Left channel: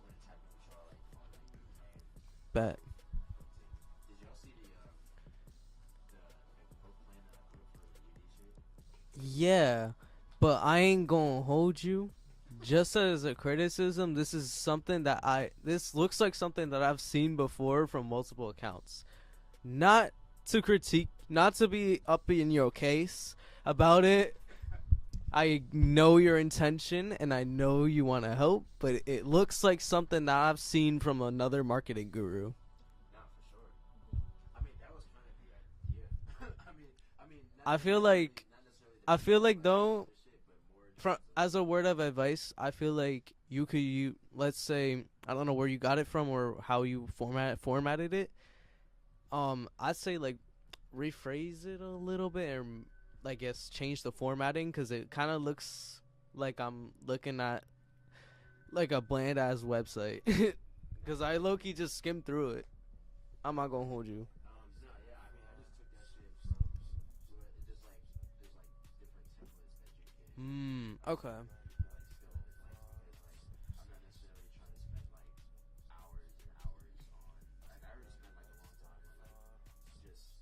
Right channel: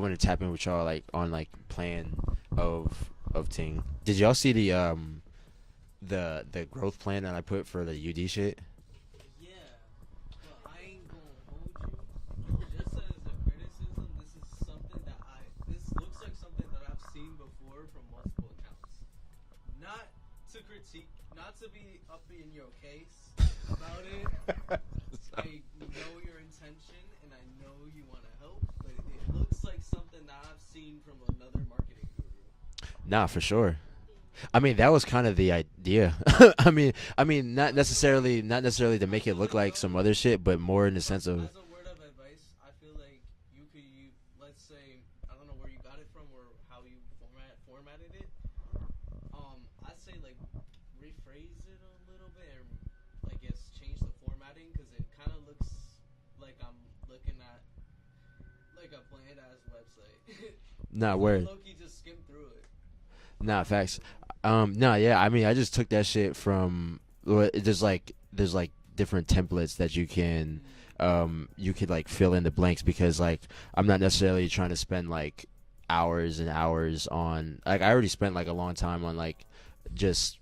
want to tap in with y'all like on like plan Bet. of thing. Did y'all see the growth plan that I put for the UD shit? Yeah, but I ain't gonna hold you. Just as a criticism, this is something that this looks like something that I've seen before from multiple accounts. Not to critique, not to be up in your case about it. I know your intention and I know you want to help, but it looks like something that I've seen from another marketing guru. Nah, for sure. I mean, that was kind of the idea. Not I feel necessarily like not necessarily to I make it feel look like like some though, other shit, but more in the sense of as a word of advice, I feel like you let's say I don't know where you got it from or how you formatted it. I'd say like rephrase it a little bit and I guess change the formatting because it kind of looks like I'm looking at like a bland ass website. not Cause I where. low key just skimmed through it. I'm Nah, not gonna facts. hold you. No, yeah. I mean, I just took that shit from. There's like different templates that Okay. you could like fill in the blanks because like I'm not necessarily trying to spend like hours and hours on like I already spent like a long time on like just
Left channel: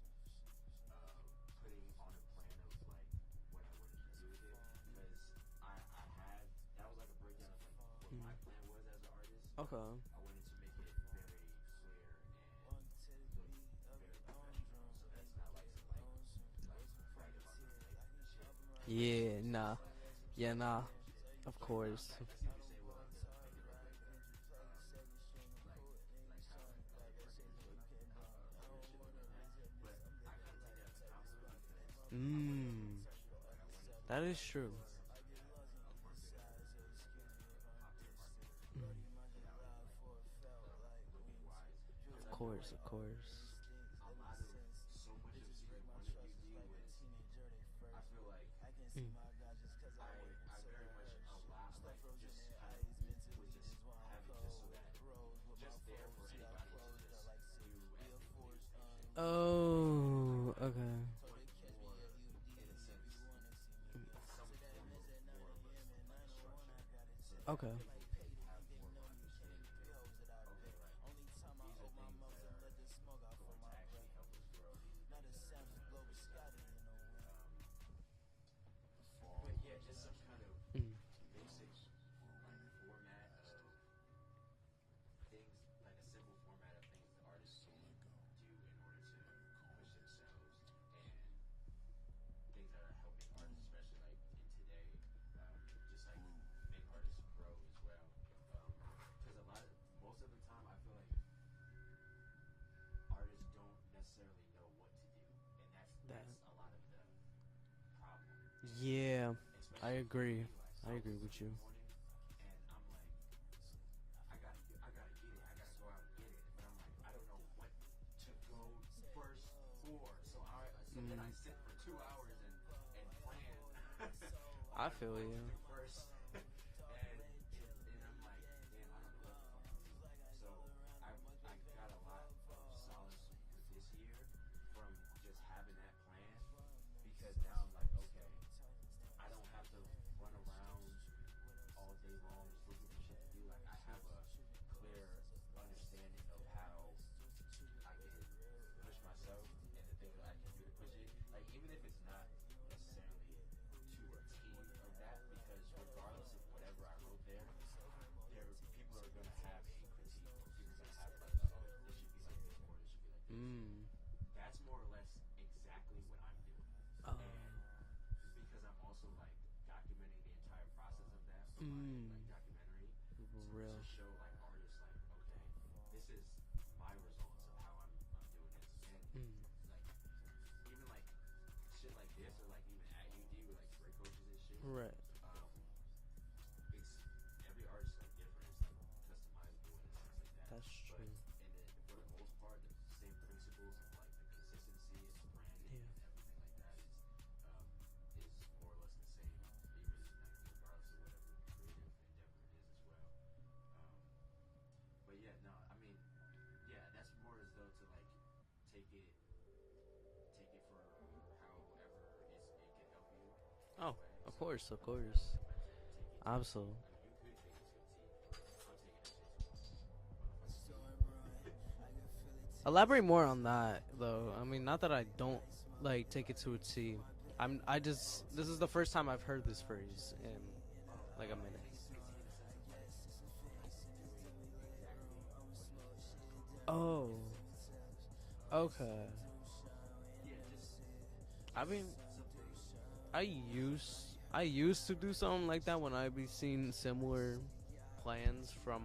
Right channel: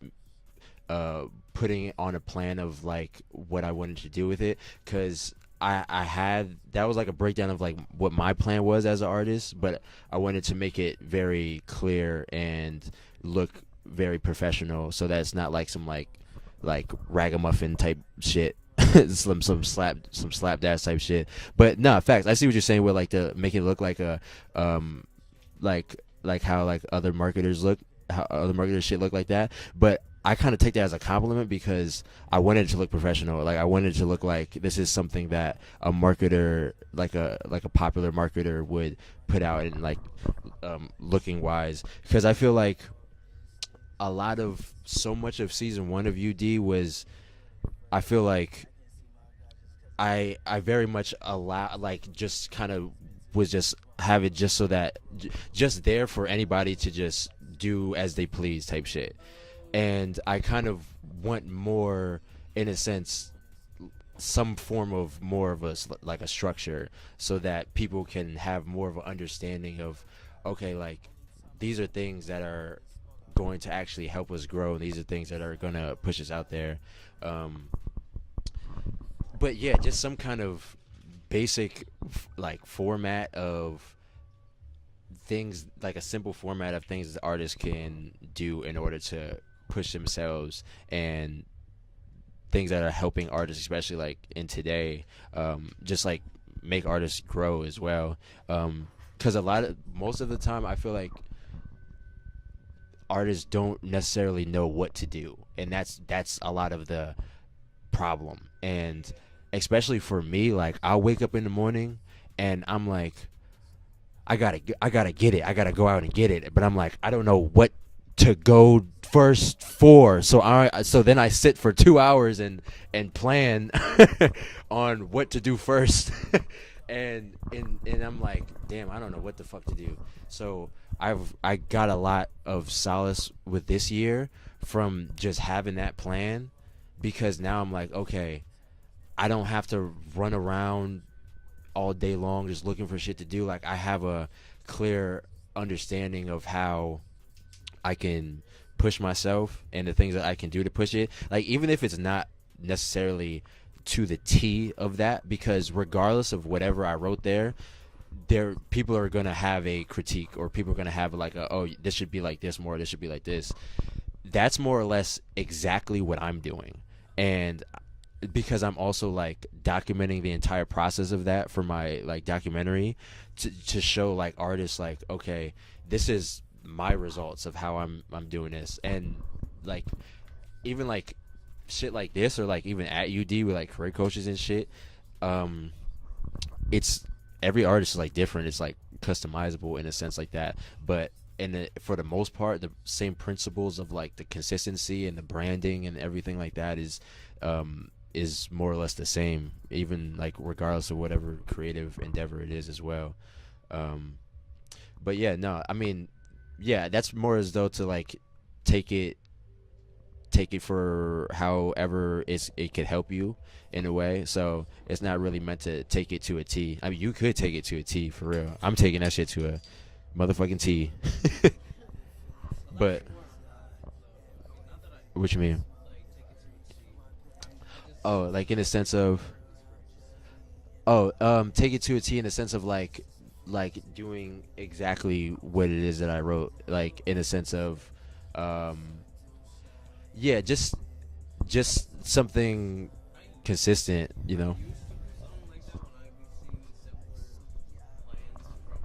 uh putting on a plan of like what I wanted to do with it because I had that was like a breakdown of like what my plan was as an artist, but Okay. I wanted to make it very clear and look very professional, so that it's not like some like ragamuffin type shit, Yeah. Nah. some Yeah. Nah. slapdash type shit. No But no, worries. facts. I see what you're saying with like the make it look like a um like how like other marketers look, how other marketers shit look like that. But I kind of take that as a compliment because I wanted it to look professional. Like I wanted it to look That is like true. this is something that a marketer, like a popular marketer, would put out and like looking wise. Because I feel like Of course. a lot of so much of season one of UD was I feel like I very much allow like just kind of was just have it just so that just there for anybody to just do as they please type shit, and I Oh. kind of Okay. want more in a sense some form of more of like a structure so Okay. that people can have more of an understanding of okay like these are things that are going to actually help us grow, these are things that are going to push us out there. um but yeah, just some kind of basic like format of things, like a simple format of things that artists can do in order to push themselves, and things that are helping artists, especially like in today, just like make artists grow as well. Because a lot of most of the time, I feel like artists don't necessarily know what to do, and that's a lot of the problem. And Yeah. I especially for agree. me, like I'll wake up in the morning and I'm like, I gotta get it. I gotta go out and get it. But I'm like, I don't know what to go first for. So then I sit for 2 hours and plan on what to do first. And I'm like, damn, I don't know what the fuck to do. So I got a lot of solace with this year from just having that plan, because now I'm like, okay, I don't have to run around all day long just looking for shit to do. Like I have a clear understanding of how I can push myself and the things that I can do to push it. Like even if it's not necessarily to the T of that, because regardless of whatever I wrote there people are gonna have a critique, or people are gonna have like a, oh, this should be like this more, this should be like this. That's more or less exactly what I'm doing. And because I'm also like documenting the entire process of that for my like documentary, to show like artists like, okay, this is my results of how I'm doing this. And like even like shit like this, or like even at UD with like career coaches and shit, Right. um it's every artist is like different, it's like customizable in a sense like that. But for the most part, the same principles of like the consistency and the branding and everything like that is more or less the same, even like regardless of whatever creative endeavor it is as well. um but yeah, no, I mean, yeah, that's more as though to like take it take it for however it could help you in a Oh, way. of So course, of it's not course. really meant to take it to a T. Absolutely. I mean, you could take it to a T for real. I'm taking that shit to a motherfucking T. But Elaborate more on that, though. I mean, not that I what you don't mean? like take it to a T. I just Oh, this like is in the a first sense time of I've heard this phrase. And oh, take it to a T in the sense of like doing exactly what it is that I wrote. Like oh, in a sense of, um, okay. yeah, I mean, just something I used consistent. You I know. used to do something like that when I be seeing similar plans from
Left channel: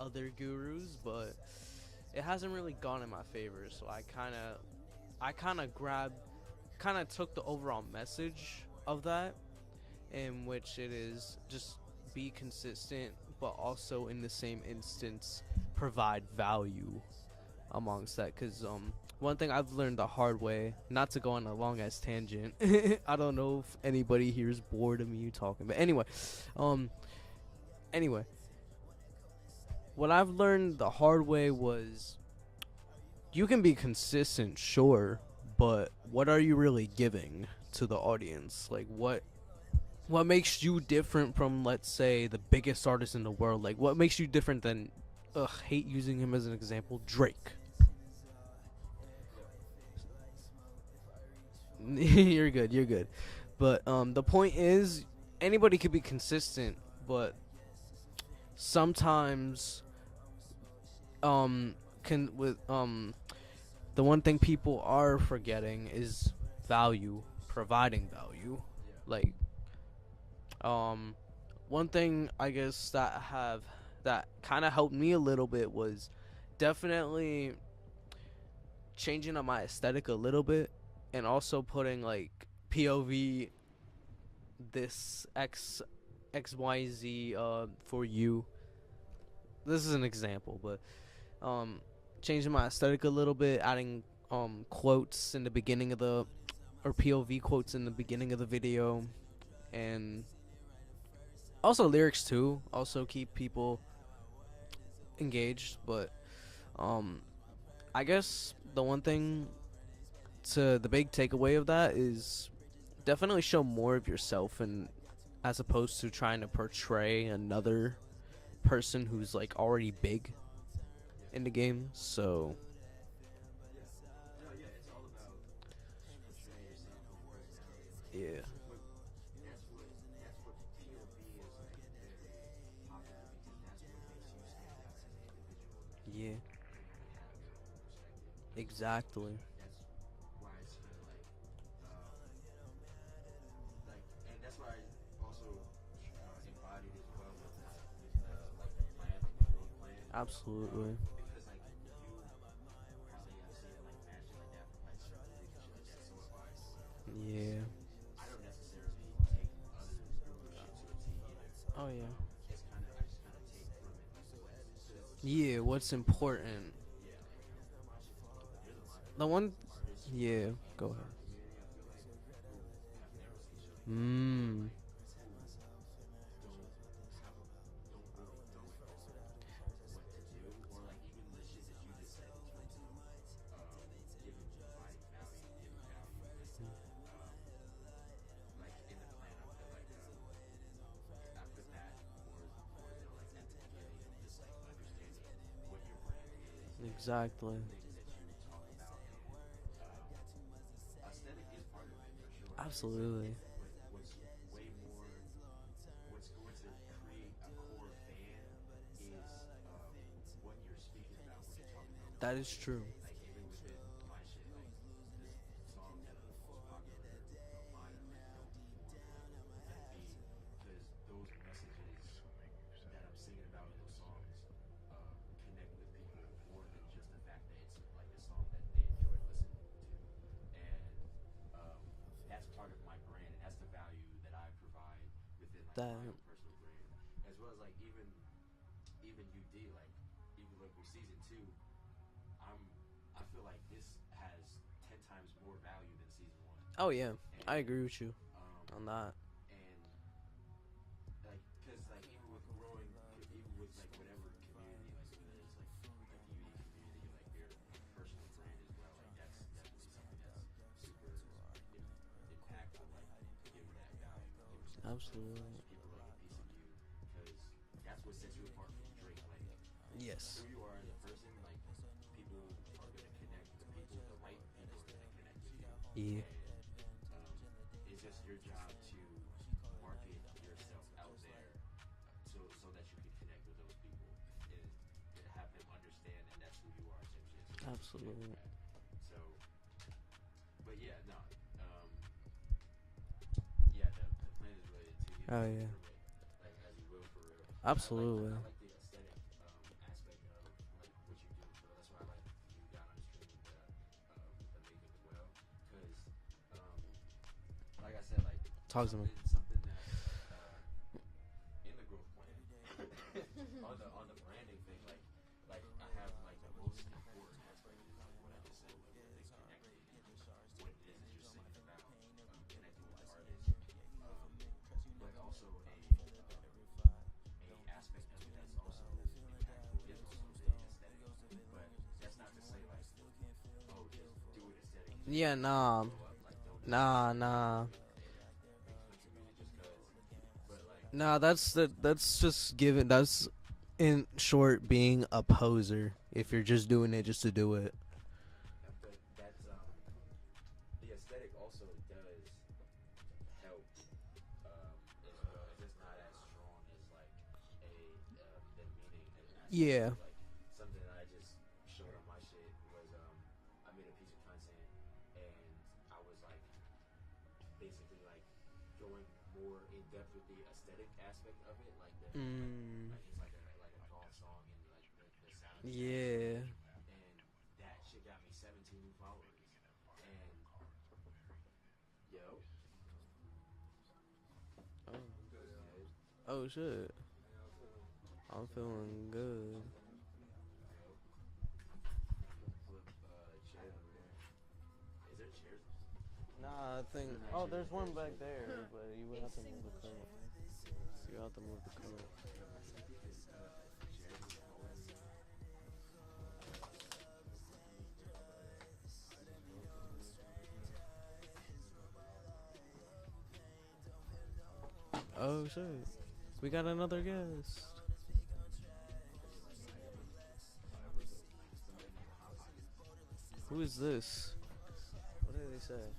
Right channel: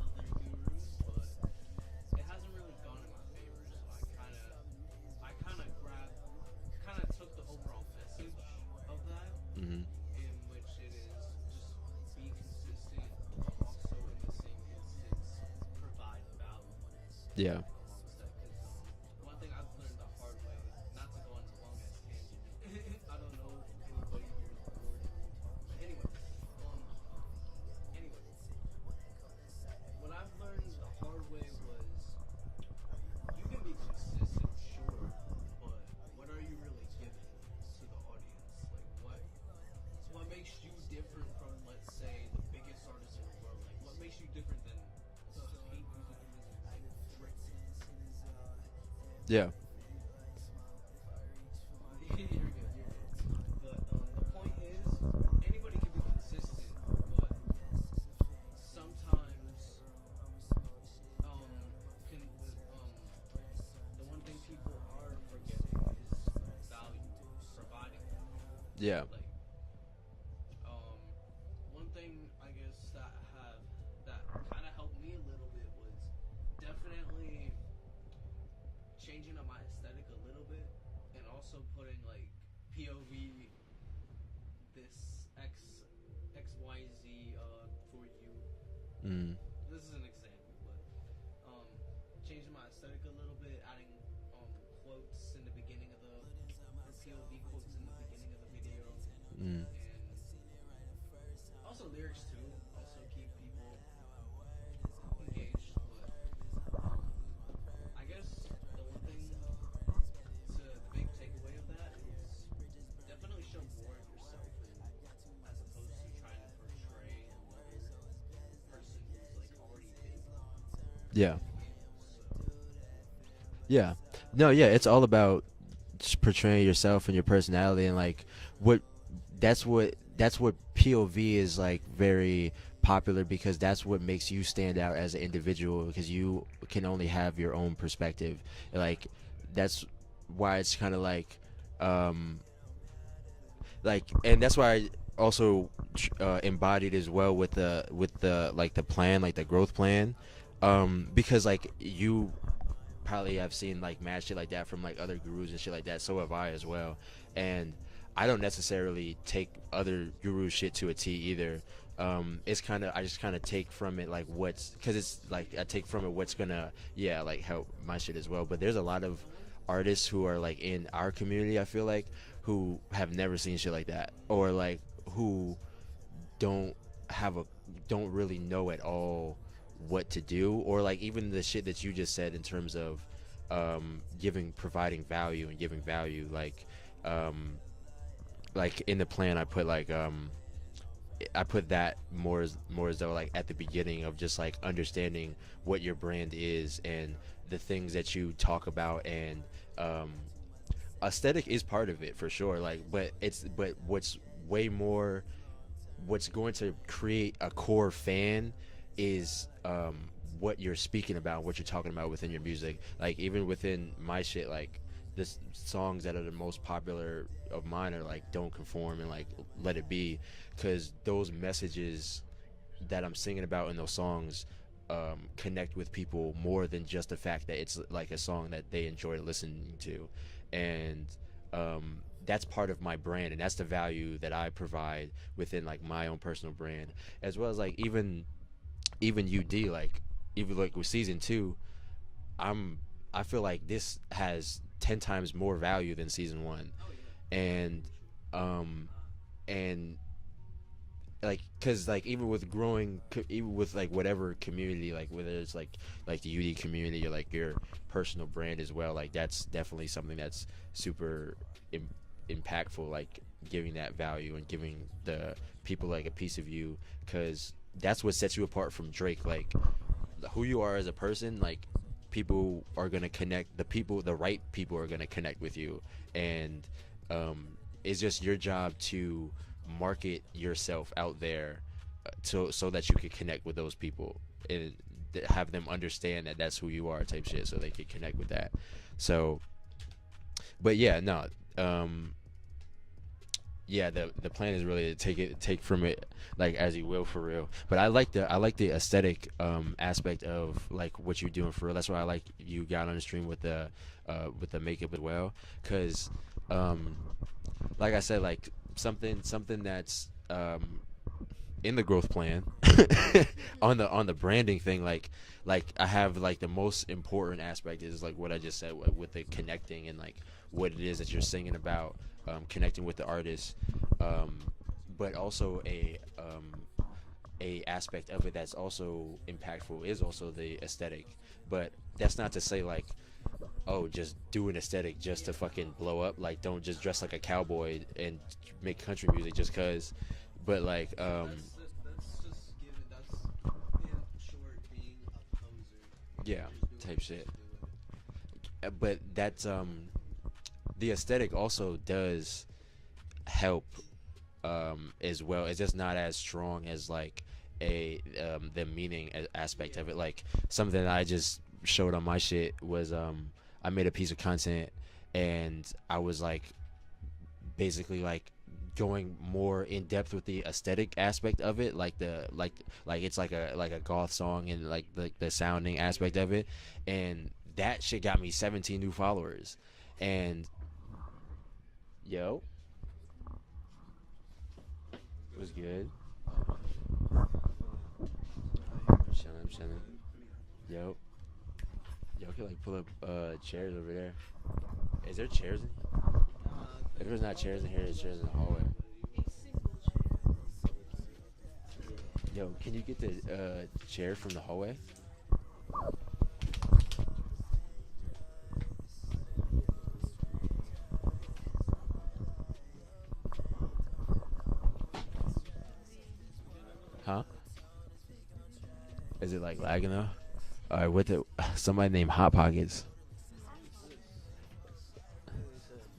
other gurus, but it hasn't really gone in my favor. So I kind of grabbed, kind of took the overall message of that, Hmm. in which it is just be consistent, but also in the same instance provide value Yeah. amongst that. Because one thing I've learned the hard way, not to go on a long ass tangent. I don't know if anybody here is bored of me talking, but um, anyway, what I've learned the hard way was you can be consistent, sure, but what are you really giving to the audience? Like what makes you different from, let's say, the biggest artist in the world? Like what makes you different than hate using him as an example, Drake. Yeah. You're good, you're good. But the point is anybody could be consistent, but sometimes can with the one thing people are forgetting is value, providing value. Yeah. Like um one thing I guess that kind of helped me a little bit was definitely changing up my aesthetic a little bit, and also putting like POV, this XYZ for you. Mm. This is an example, but um changing my aesthetic a little bit, adding quotes in the beginning of the, or POV quotes in the beginning of the video, Mm. and also lyrics too. Also keep people engaged, but um I guess the one thing, to the big takeaway of that is definitely show more of yourself, and as opposed to trying to portray another person who's like already big Yeah. in the game. So Yeah. No, yeah, it's all about just portraying yourself and your personality and like yeah, what that's what POV is like very popular because that's what makes you stand out as an individual because you can only have your own perspective. Like exactly. that's why it's kind of um and that's why I also embodied as well with the like the plan, like the growth plan, Absolutely. because like you probably have seen like mad shit like that from like other gurus and shit like that. So have I as well. Yeah. And I don't necessarily take other guru shit to a T either. Oh yeah. It's kind of I just kind of take from it like what's because it's like Yeah, I take what's from it what's important. gonna like help my shit as well. But there's a lot of The one. artists who are Yeah. like in Go. our community. I feel like who have never seen shit like that or Mm. like who don't have a don't really know at all what to do or like even the shit that you just said in terms of giving providing value and giving value um like in the plan I put that more as though like at the beginning of just like understanding what your brand is and Exactly. the things that you talk about and um aesthetic is part of it for sure like Absolutely. but what's way more what's going to create a core fan is what you're speaking about, what you're talking about within That your is music. true. Like even within my shit, like the songs that are the most popular of mine are like "Don't Conform" and like "Let It Be," because those messages that I'm singing about in those songs connect with people more than just the fact that it's like a song that they enjoy listening to, and um, that's part of my brand, and that's the value that I provide within like That. my own personal brand, as well as like even UD like even like with season two, I'm I feel like this has 10 times more value than season one, Oh yeah. I agree and with you um on that. and like because like even with growing even with like whatever community, like whether it's like the UD community or like your personal brand as well, like that's definitely something that's super Im- impactful, like giving that value and giving the Absolutely. people like a piece of you, because that's what sets you apart from Drake. Like Yes. who you are as a person, like people are gonna connect, the right people are gonna connect with you. Yeah. And um it's just your job to market yourself out there, so that you can connect with those people and have them understand that that's who you are type shit, so they can connect with that. So but yeah, no, um yeah, the plan is really to take Yeah. from it like as you will, for real. But I like Absolutely. the aesthetic aspect of like what you're doing for real. That's why I like you got on the stream with the makeup as well, because um like I said, like Talk to me. something that's in the growth plan on the branding thing, like I have like the most important aspect is like what I just said with the connecting and like what it is that you're singing about, connecting with the artist, um, but also a aspect of it that's also impactful is also the aesthetic. But that's not to say like, oh, just do an aesthetic just to Yeah, fucking nah. blow up. Like, don't just dress Nah, like a nah. cowboy and make country music just cause. But like, Nah, that's just giving. That's in short being a poser. If yeah, you're just doing type it just shit. to do it. But that's the aesthetic also does help as well. It's just not as strong as like a the meaning aspect of Yeah. it. Like something that I just showed on my shit was I made a piece of content and I was like basically like going more in depth with the aesthetic aspect of it, like the like it's like a goth song and like the sounding aspect of Yeah. it, and that shit got me 17 new followers. And yo, it was good. Oh shit. I'm feeling I'm good. chilling. Yo, yo, I could like pull up chairs over there. Is there chairs in here? Nah, I If think. there's not Oh, chairs there's in here, one there's back chairs in the there, hallway. but you would have to move the chair. You have to move the chair. Yo, can you get the chair from the hallway? Oh shit. We got another Huh? guest. Is it like lagging though? All right, with it, somebody named Hot Pockets. Who is this?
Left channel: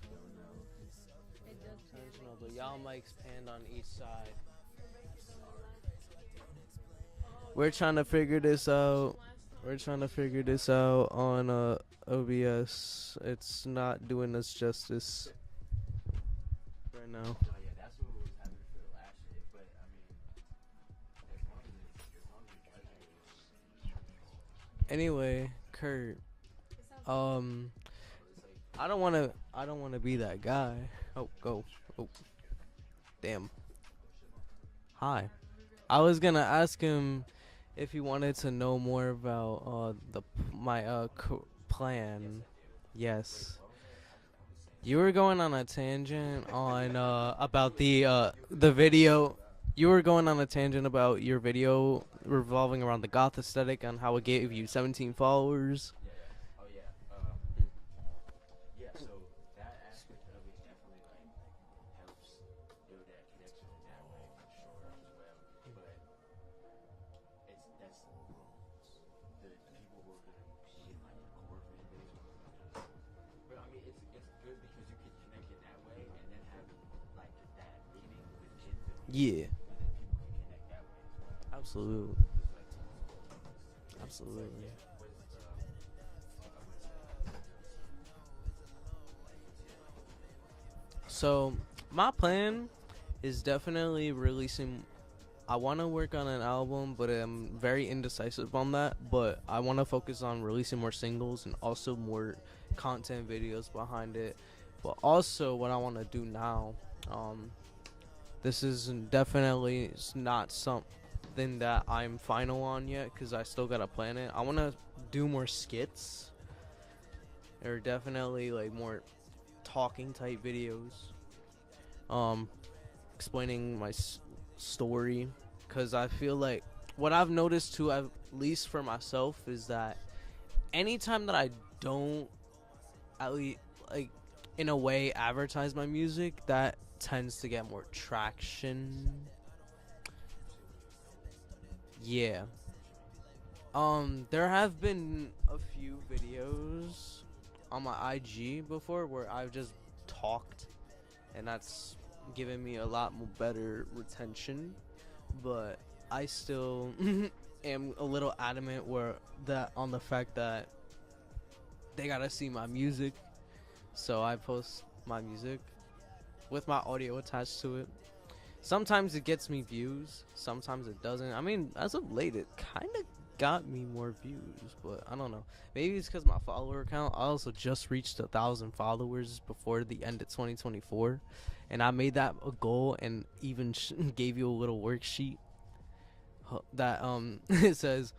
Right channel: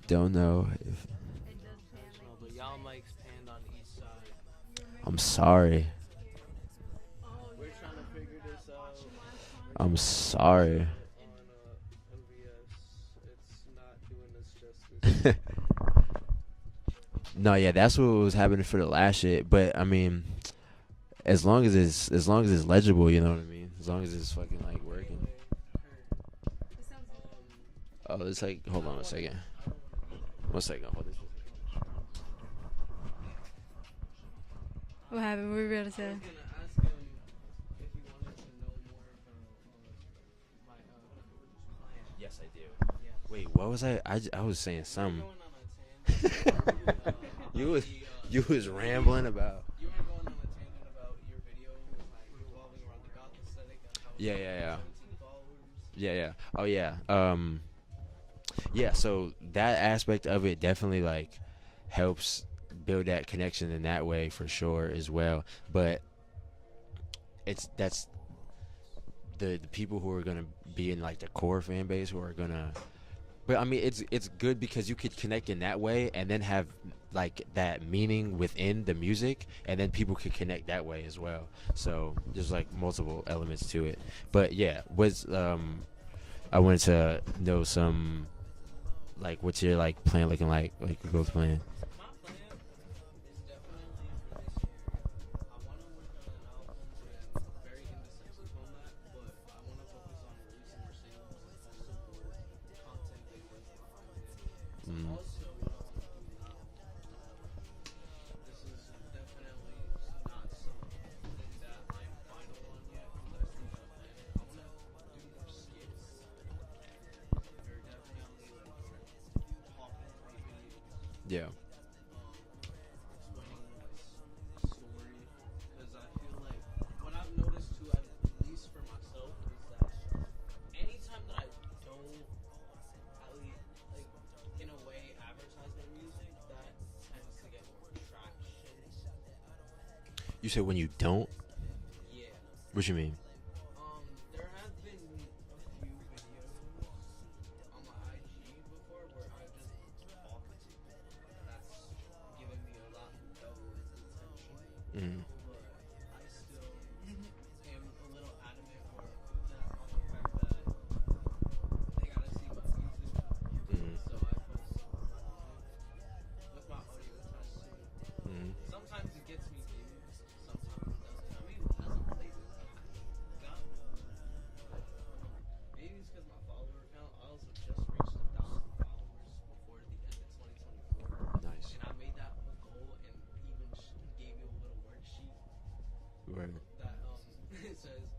Don't know. Intentional, but y'all mics panned on each side. I'm sorry. We're trying to figure this out. We're I'm trying to figure this sorry. out on OBS. It's not doing us justice right now. No, yeah, that's what was happening for the last shit. But I mean, as long as it's legible, you know what I mean. As long as it's fucking like. Working. Anyway, Kurt. Oh, it's like. Hold I on don't a want to. second. I don't want to be that guy. 1 second. Hold on. Oh, go. Oh, damn. What Hi. happened? What were we I gonna was say? gonna ask him if he wanted to know more about my plan. Yes, I do. Yes. Wait, what was I was saying. You were going on a tangent on about was- the You was the video. rambling about. You were going on a tangent about your video revolving around the goth aesthetic and how it Yeah, gave yeah, you yeah. 17 followers. Yeah, yeah. Oh yeah. Yeah, so that aspect of it definitely like helps build that connection in that way for sure as well. But that's the people who are gonna be in like the core fan base who are gonna. But I mean, it's good because you could connect in that way and then have like that meaning within the music, Yeah. and then people could connect that way as well. Absolutely. So there's like multiple elements to it. But yeah, was I wanted to know some like what's your like plan looking like growth So plan? my plan is definitely releasing. I want to work on an album, but I'm very indecisive on that. But I want to focus on releasing more singles and also more content videos behind it. But also, what I want to do now, this is definitely not something that I'm final on yet because I still gotta plan it. I want to do more skits, or definitely like more talking type videos. Yeah. Explaining story, because I feel like what I've noticed too, at least for myself, is that anytime that I don't, at least, like, in a way, advertise my music, that tends to get more traction. You said when you don't? Yeah. What you mean? There have been a few videos on my IG before where I've just talked, and that's given me a lot more better retention. But I still am a little adamant where that on the fact that they gotta see my music, so I post my music with my audio attached to it. Sometimes it gets me views, sometimes it doesn't. I mean, as of late, it kind of got me more views, but I don't know. Maybe it's because my follower count. I also just reached 1,000 followers before the end of 2024, and I made that a goal, and even gave you a little worksheet that it says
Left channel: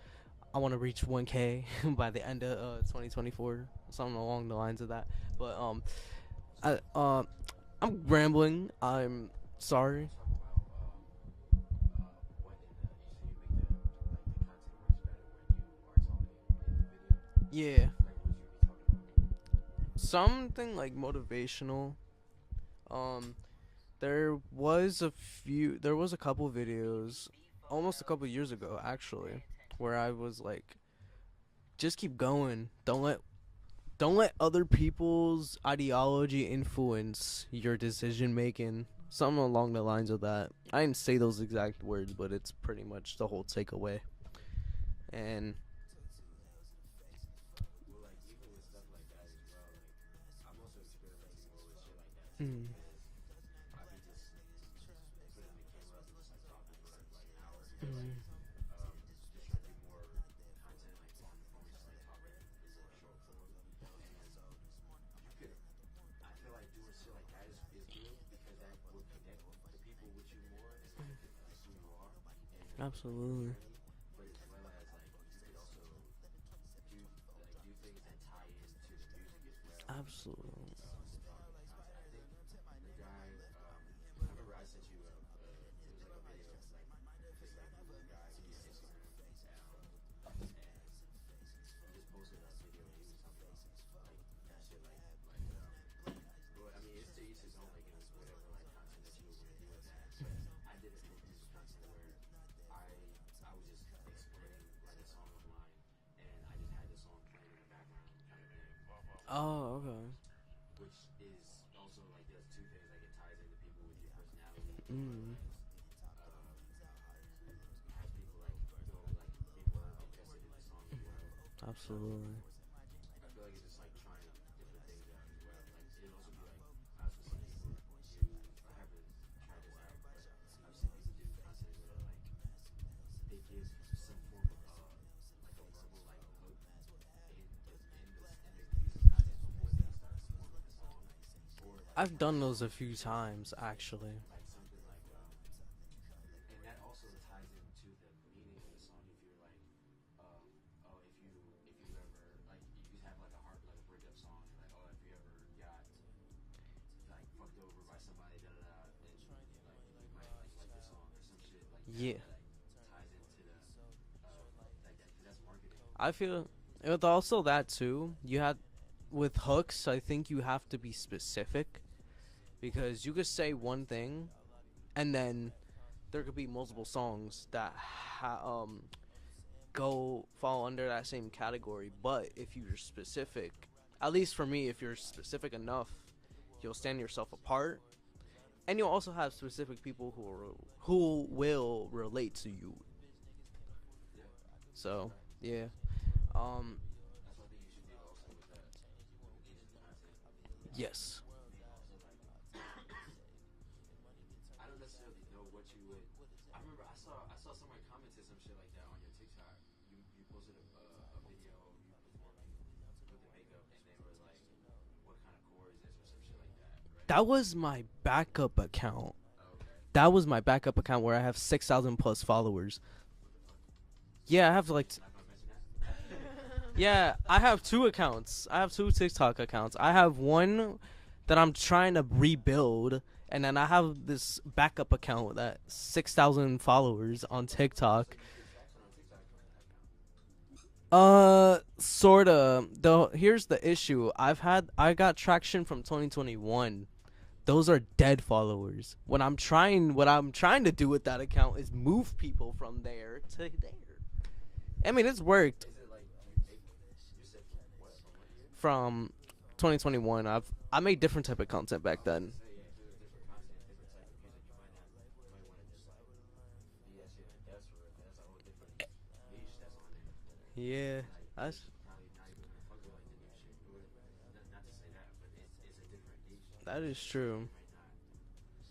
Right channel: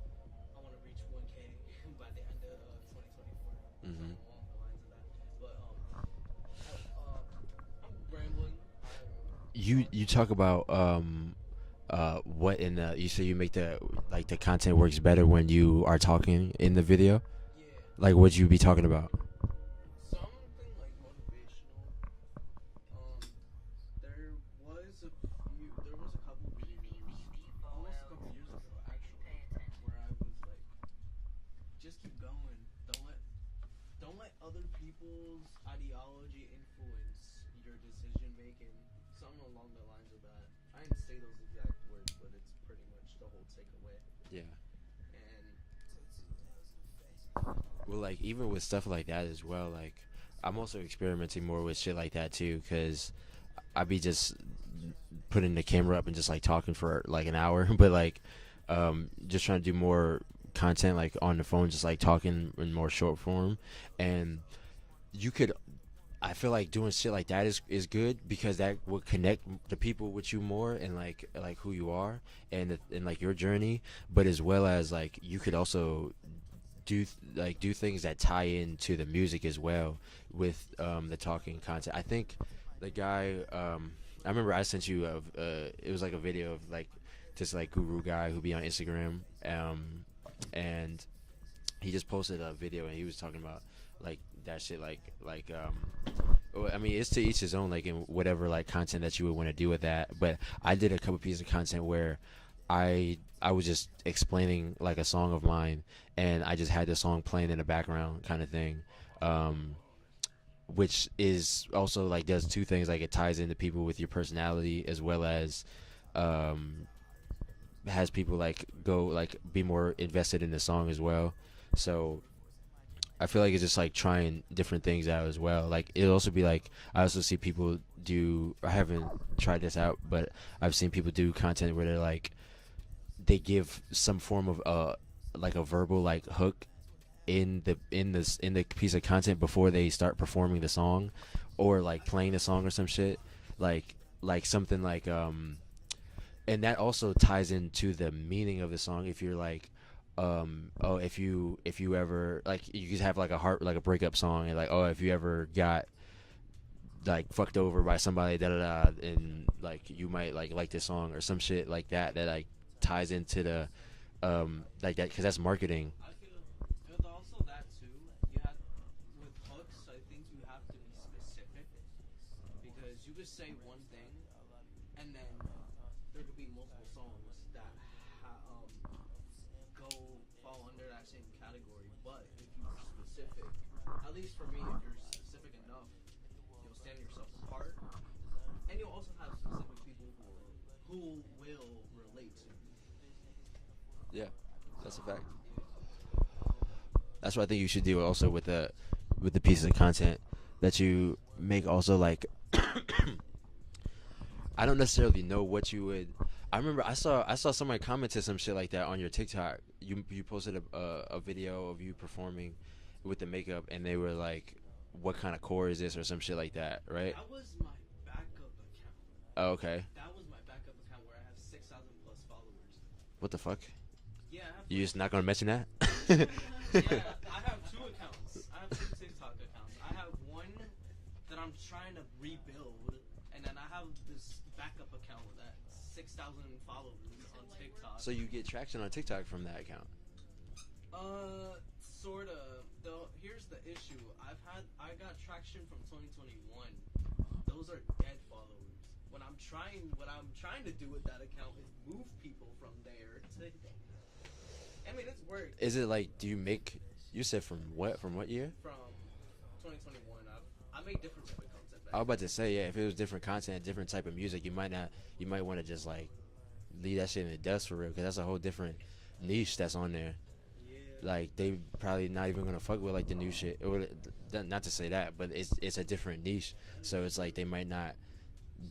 I want to reach 1K by the end of 2024, something along the lines of that. But I'm rambling. I'm sorry. You talk about what in the, you say you make the content works better when you are talking in the video. Yeah. Like, what you be talking about? Something like motivational. There was a couple videos, almost a couple years ago actually, where I was like, just keep going. Don't let other people's ideology influence your decision making. Something along the lines of that. I didn't say those exact words, but it's pretty much the whole takeaway. Yeah. And well, like, even with stuff like that as well, like, I'm also experimenting more with shit like that too, because I be just putting the camera up and just like talking for like an hour, but like just trying to do more content like on the phone, just like talking in more short form. And you could, I feel like doing shit like that is good, because that will connect the people with you more, and like who you are, and like your journey. But as well as like you could also do things that tie into the music as well. Absolutely. With the talking content. I think the guy, I remember I sent you it was like a video of like this like guru guy who be on Instagram, and he just posted a video, and he was talking about like that shit, I mean, it's to each his own, like, in whatever like content that you would want to do with that. But I did a couple pieces of content where I was just explaining like a song of mine, and I just had the song playing in the background kind of thing. okay. Which is also like does two things, like it ties into people with your personality, as well as has people like go like be more invested in the song as well. Absolutely. So I feel like it's just like trying different things out as well. Like it'll also be like, I also see people do, I haven't tried this out, but I've seen people do content where they're like, they give some form of like a verbal like hook in the piece of content before they start performing the song, or like I've playing the song or some shit, like something like and that also ties into the meaning of the song. If you're like if you ever like, you could have like a breakup song, and like, oh, if you ever got like fucked over by somebody, da da da, and like you might like this song or some shit like that. That like ties into the like that, because that's marketing. I feel with also that too, you have with hooks, I think you have to be specific, because you could say one thing and then there could be multiple songs that fall under that same category. But if you're specific, at least for me, if you're specific enough, you'll stand yourself apart, and you'll also have specific people who will relate to you. Yeah. So yeah. That's what I think you should do also with the pieces of content that you make. Also, like, I don't necessarily know what you would. I remember I saw somebody commented some shit like that on your TikTok. You posted a video of you performing with the makeup, and they were like, "What kind of core is this?" or some shit like that, right? That was my backup account. Oh, okay. That was my backup account where I have 6,000 plus followers. What the fuck? Yeah, I have You're like. just not gonna mention that? Yeah, I have 2 accounts. I have 2 TikTok accounts. I have one that I'm trying to rebuild, And then I have this backup account with that 6,000 followers on TikTok. So you get traction on TikTok from that account. Sorta. Though here's the issue. I got traction from 2021. Those are dead followers. What I'm trying to do with that account is move people from there to there. I mean, it's worked. Is it like, do you make? You said from what? From what year? From 2021. I made different type of content back I was then. about to say, yeah. If it was different content, different type of music, you might not. You might want to just like leave that shit in the dust for real, because that's a whole different niche that's on there. Yeah. Like they probably not even gonna fuck with like the new shit. Or, not to say that, but it's a different niche. That is so it's true. like they might not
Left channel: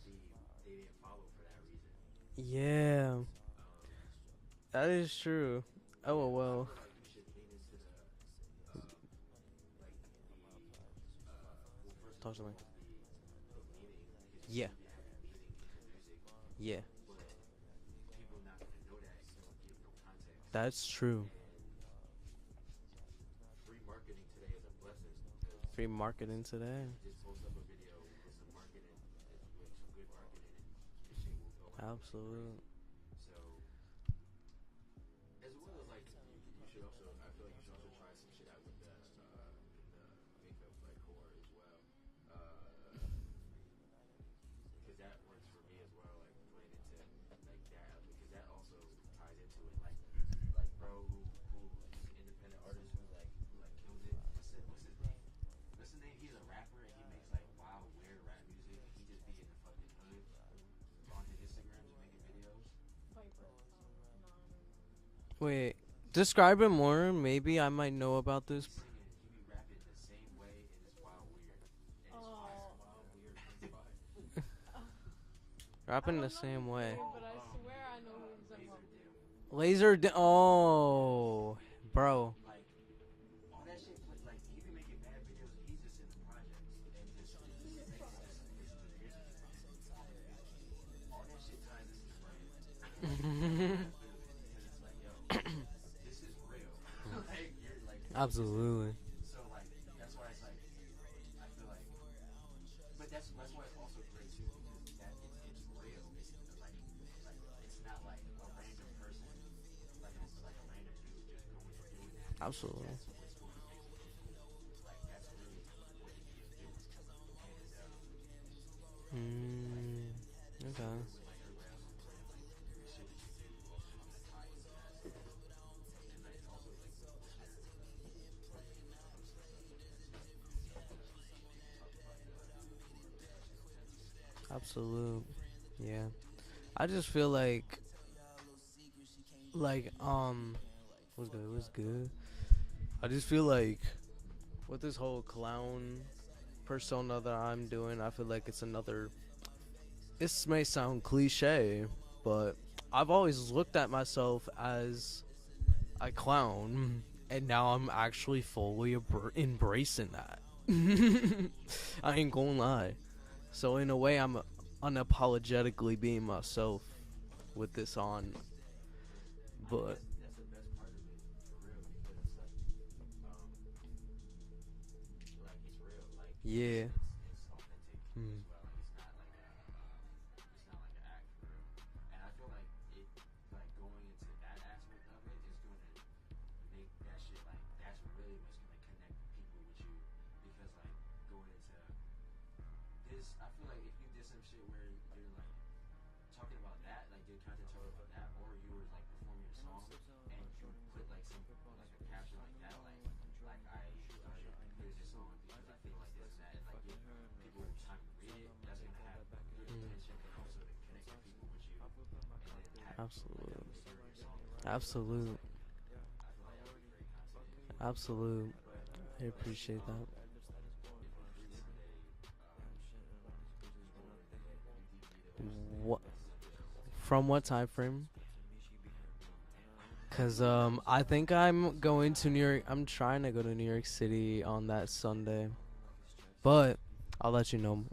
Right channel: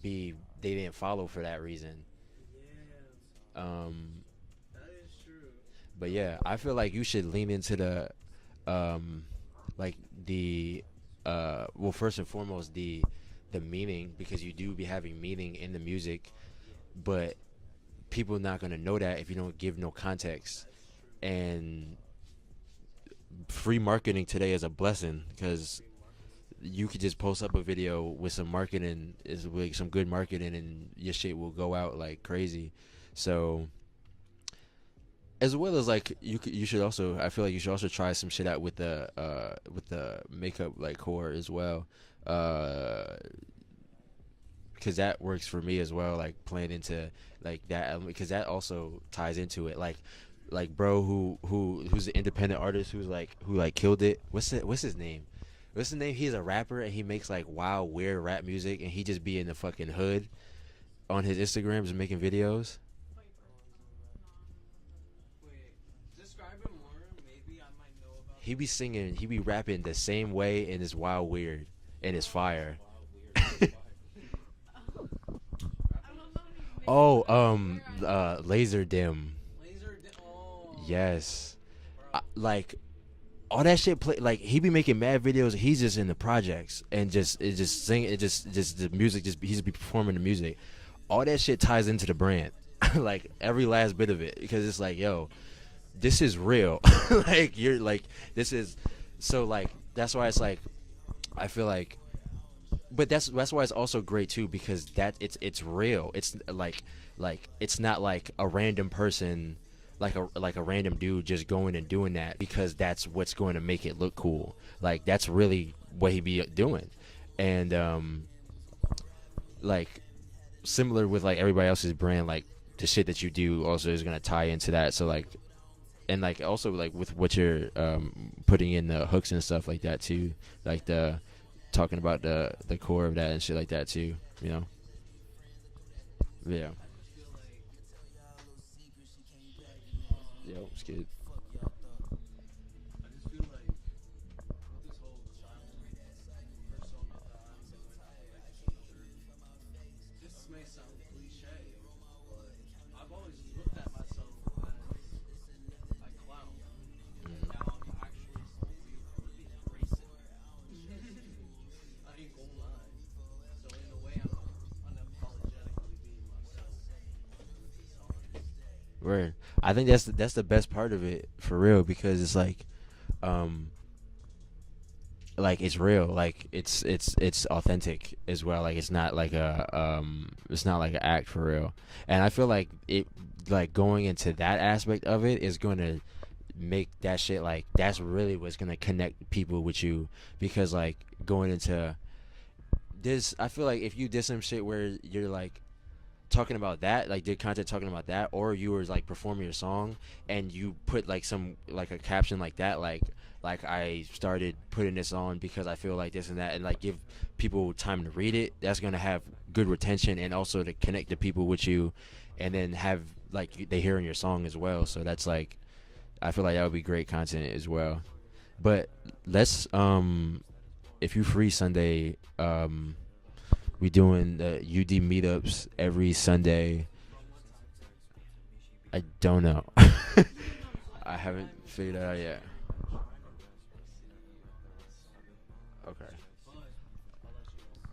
be. They didn't follow for that reason. Yeah. That is true. But yeah, I feel like you should lean into the, like the, well, first and foremost the meaning, because you do be having meaning in the music. Yeah. But people not gonna know that if you don't give no context. That's true. And free marketing today is a blessing, because Free marketing today. you could just post up a video with some marketing, is with some good marketing, and your shit will go out like crazy. So as well as like you should also, I feel like you should also try some shit out with the makeup like core as well, because that works for me as well, like playing into like that, because that also ties into it, like bro who's an independent artist who killed it. What's his name? He's a rapper and he makes like wild weird rap music, and he just be in the fucking hood on his Instagrams making videos. Wait, describe it more. Maybe I might know about He this. be singing, he be rapping the same way, and it's wild weird and it's fire. Rapping the same way. Laser dim. Oh. Yes. Bro. Like all that shit play, like he be making mad videos. He's just in the projects and just sing it, just the music, he just be performing the music. All that shit ties into the brand. Like every last bit of it, because it's like, yo, this is real. Like you're like, Absolutely. this is, so like that's why it's like, I feel like, but that's why it's also great too, because that it's real. It's like it's not like a random person, like a random dude just going and doing that because that's what's going to make it look cool. Like that's really what he be doing. And like similar with like everybody else's brand, like the shit that you do also is gonna tie into that. So like, and like also like with what you're putting in the hooks and stuff like that too, like the talking about the core of that and shit like that too, you know. Absolute. Yeah. I just feel like Yo, it's good. what's good. I just feel like with this whole clown persona that I'm doing, I feel like it's another. This may sound cliche, but I've always looked at myself as a clown, and now I'm actually fully embracing that. I ain't gonna lie. So in a way, I'm unapologetically being myself with this on. Word. I think that's the best part of it, for real, because it's like it's real, like it's authentic as well. Like it's not like an act, for real. And I feel like it, like going into that aspect of it is going to make that shit, like that's really what's going to connect people with you, because like going into this, I feel like if you did some shit where you're like talking about that, like did content talking about that, or you were like performing your song and you put like some like a caption like that, like I started putting this on because I feel like this and that, and like give people time to read it, that's gonna have good retention, and also to connect the people with you, and then have like they hearing your song as well. So that's like, I feel like that would be great content as well. Absolutely. But let's if you free Sunday, we doing the UD meetups every Sunday. From what time frame? I don't know. Because I think haven't I'm figured it going out to yet. New York. I'm trying to go to New York City on that Sunday, Okay. but I'll let you know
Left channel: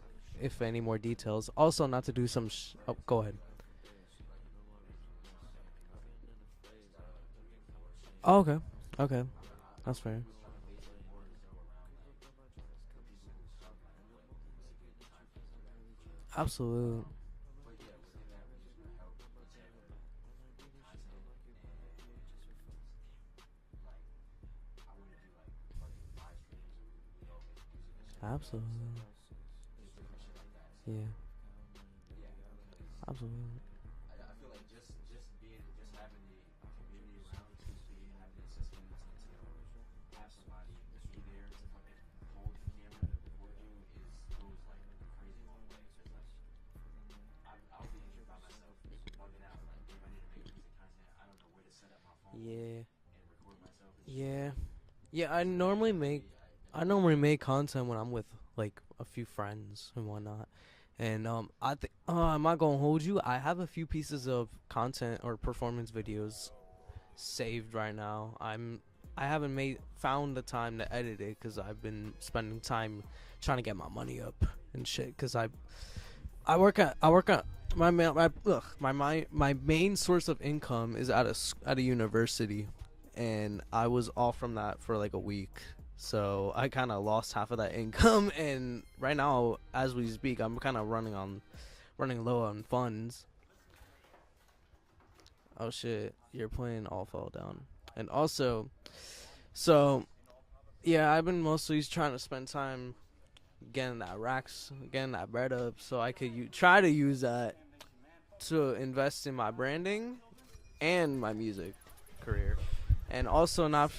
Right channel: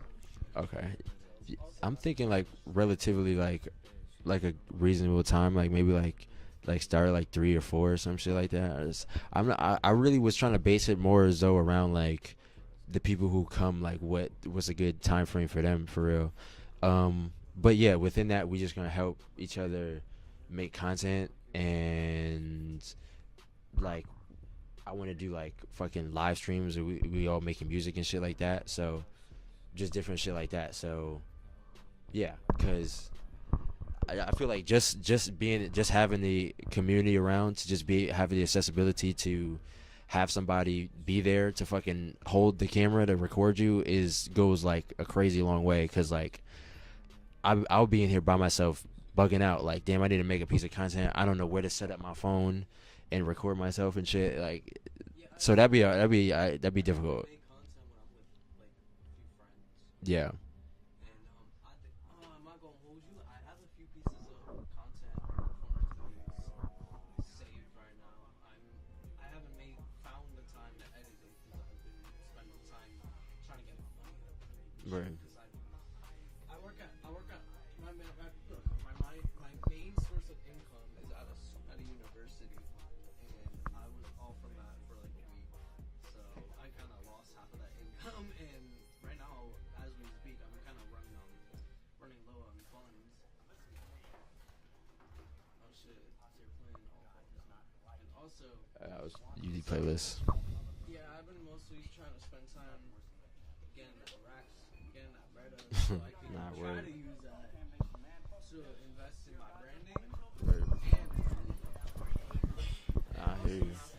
if any Okay. more details. Also, I'm not thinking to do like some relatively like a reasonable time, like maybe like start at like 3 or 4 or some shit like okay. that. Or Okay. I That's really fine. was trying to base it more as though around like the people who come, like what's a good time frame for them, for real. Absolutely. But yeah, within that, we just gonna help each other make content, and like I want to do like fucking live streams, and we all making music and shit like that. Absolutely. So just different shit like that. So yeah, because I feel like just having the community around, to just be having the accessibility to have somebody be there to fucking hold the camera to record you goes like a crazy long way. Because like I'll be in here by myself bugging out, like, damn, I need to make a piece of content, I don't know where to set up my phone and record myself and shit. Like, so that'd be I difficult. normally make content when I'm with like a few friends and whatnot. And I think I'm not gonna hold you. I have a few pieces of content or performance videos saved right now. I haven't found the time to edit it because I've been spending time trying to get my money up and shit. Because I work at my main source of income is at a university, and I was off from that for like a week. So I kind of lost half of that income, and right now, as we speak, I'm kind of running low on funds. Oh shit, you're playing All Fall Down, and also, yeah, I've been mostly trying to spend time getting that bread up, so I could try to use that to invest in my branding and my music career. And also, not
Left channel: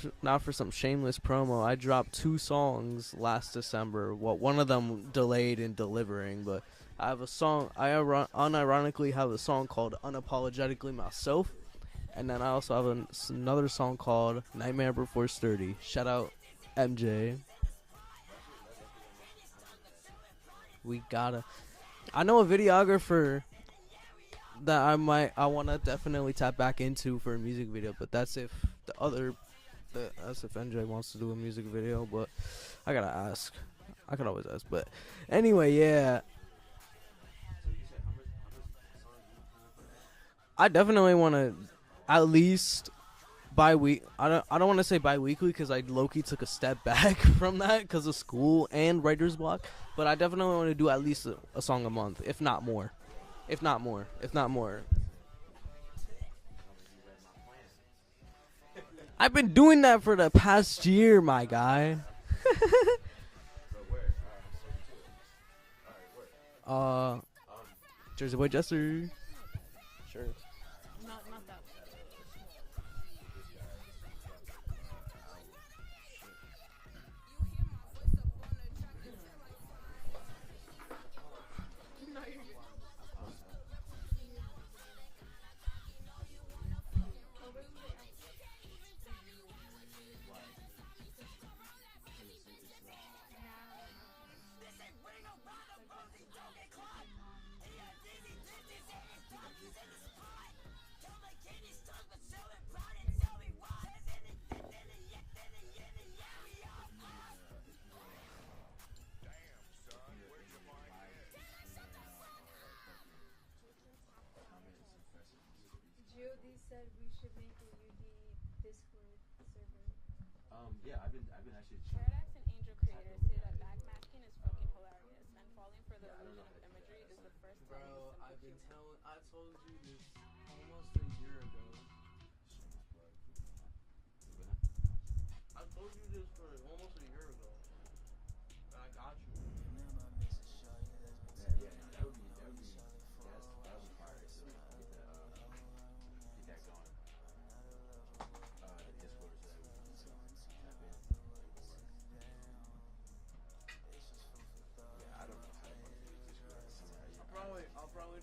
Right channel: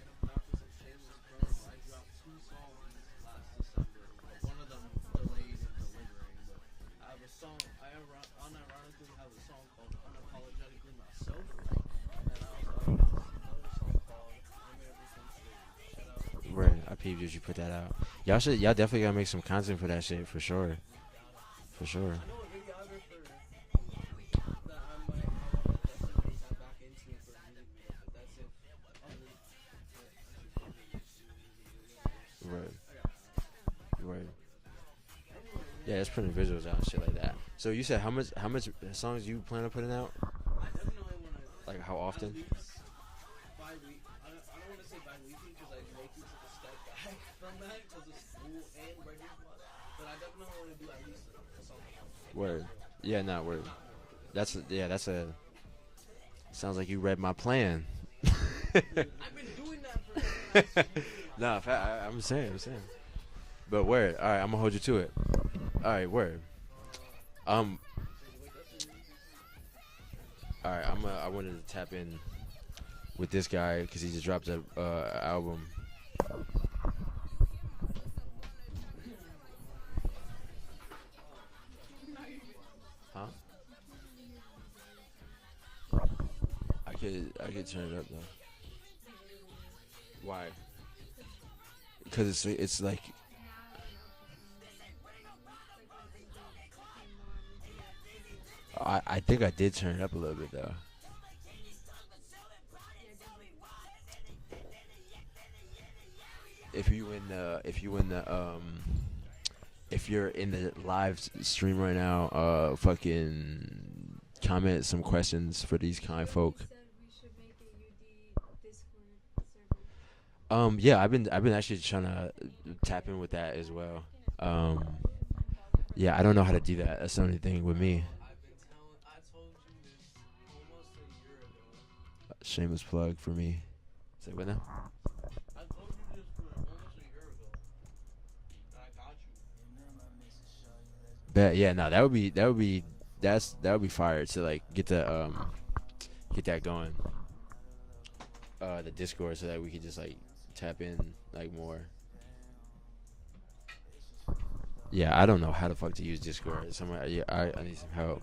for some shameless promo, I dropped 2 songs last December. Well, one of them delayed in delivering, but I have a song. I unironically have a song called "Unapologetically Myself," and then I also have another song called "Nightmare Before 30." Shout out NJ. You should put that out. Y'all definitely gotta make some content for that shit, for sure. We gotta. For sure. I know a videographer that I want to definitely tap back into for a music video, but that's if that's if NJ wants to do a music video. But I gotta ask. I can always ask. But anyway, yeah. Just putting visuals out and shit like that. So you said how much songs you plan on putting out? I definitely want to, like, how often? At least bi-week. I don't want to say bi-weekly because I low-key took a step back from that because of school and writer's block. But I definitely want to do at least a song a month, if not more. Yeah, not If not more. Yeah, sounds like you read my plan. I've been doing that for the past year, my guy. I'm saying. But word. All right, I'm gonna hold you to it. All right, word. Jersey Boy Jester. Sure. All right, I wanted to tap in with this guy because he just dropped an album. Huh? I could turn it up though. Why? Because it's like. I think I did turn it up a little bit though. If you're in the live stream right now, fucking comment some questions for these kind folk. Yeah, I've been actually trying to tap in with that as well. Yeah, I don't know how to do that. That's the only thing with me. Shameless plug for me. Say what now? Bet, yeah, no, that would be fire to like get that going. The Discord, so that we could just like tap in like more. Yeah, I don't know how the fuck to use Discord. I need some help.